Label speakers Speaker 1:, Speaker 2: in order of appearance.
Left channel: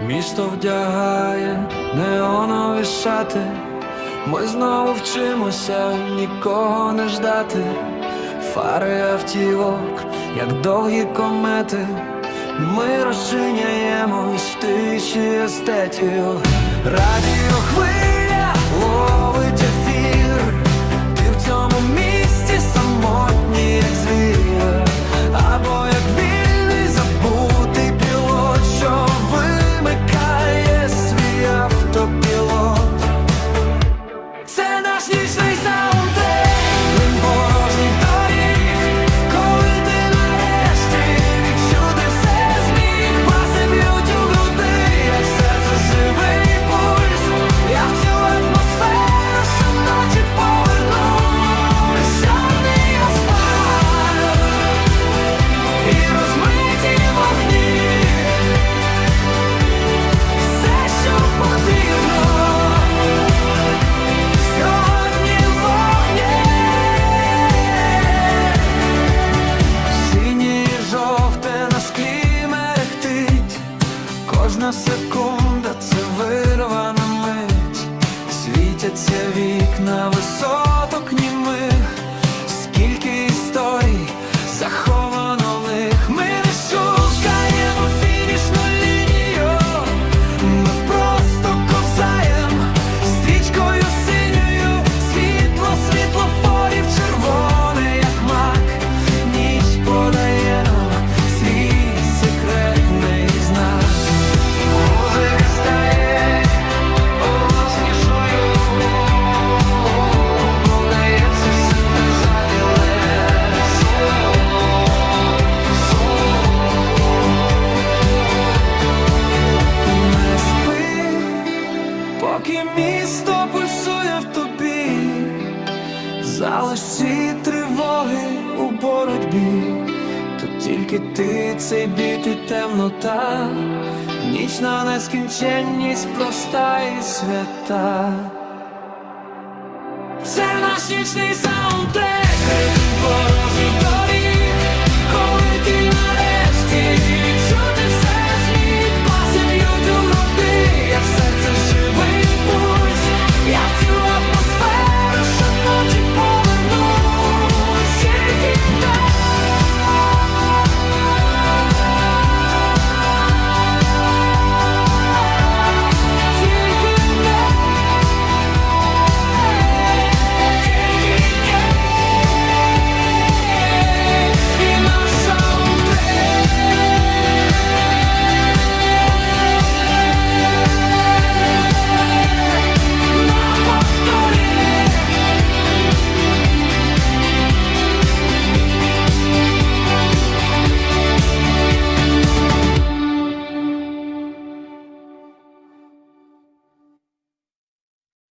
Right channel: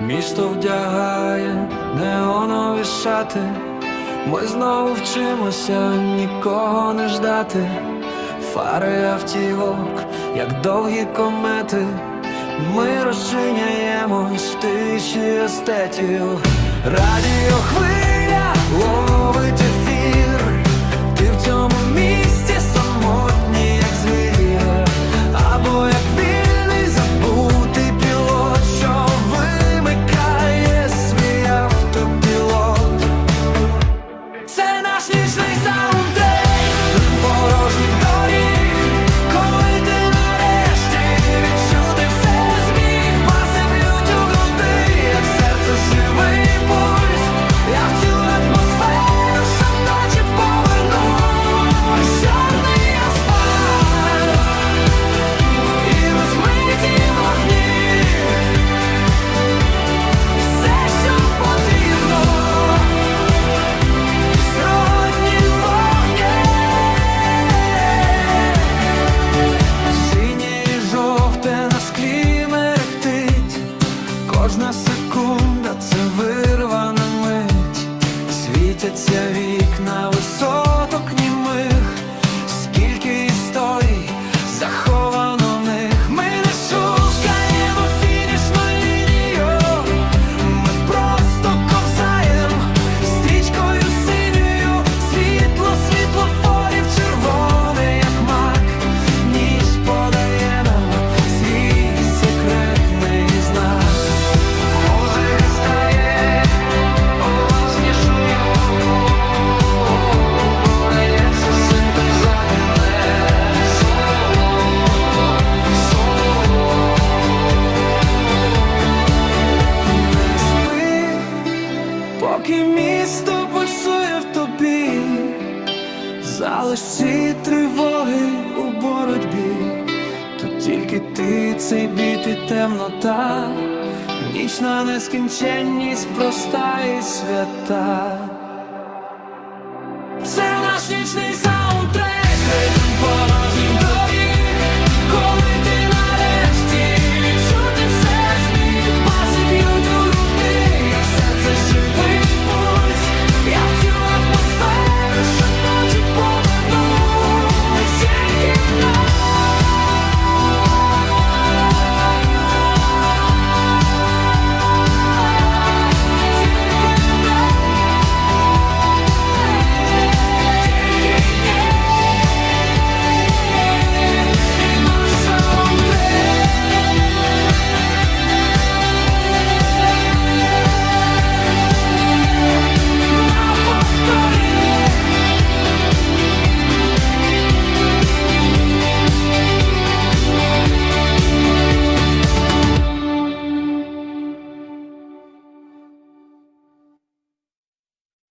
Speaker 1: Місто вдягає неонові шати. Ми знову вчимося нікого не ждати. Фари автівок, як довгі комети. Ми розчиняємось в тиші естетів. Радіо хвиля Секунда це вирвана мить. Світяться вікна висоток німих поки місто пульсує в тобі, залиш ці тривоги у боротьбі, тут тільки ти цей біт і темнота, нічна нескінченність проста і свята. Це наш нічний саундтрек